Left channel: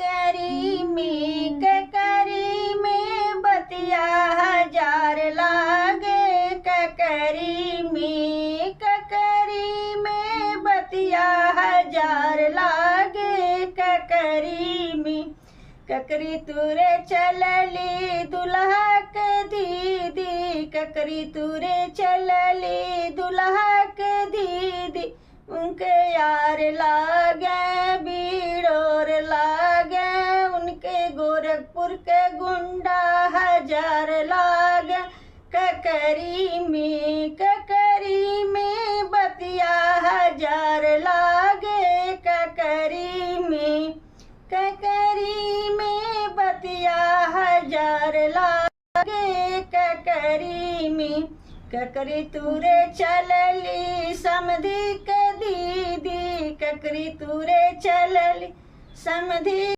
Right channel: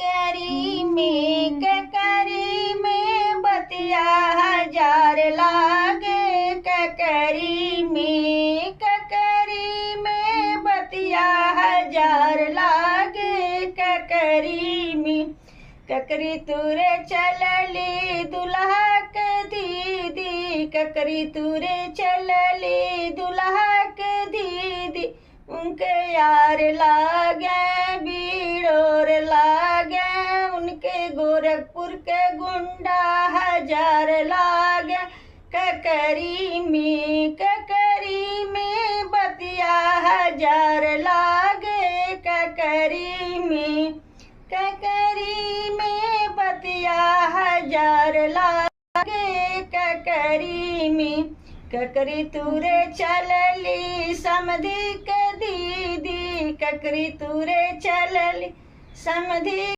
ककरी में बतिया हजार लागे। ककरी में बतिया हजार लागे। ककरी तुरे चलली दुल्हा के दीदी। ककरी तुरे चलली दुल्हा के दीदी। उनके यार लागे बीड़ोर लागे। उनके गोरखपुर के गुंडा हजार लागे। ककरी में बतिया हजार लागे। ककरी में बतिया हजार लागे। ककरी तुरे चलली समधी के दीदी। ककरी तुरे चलली समधी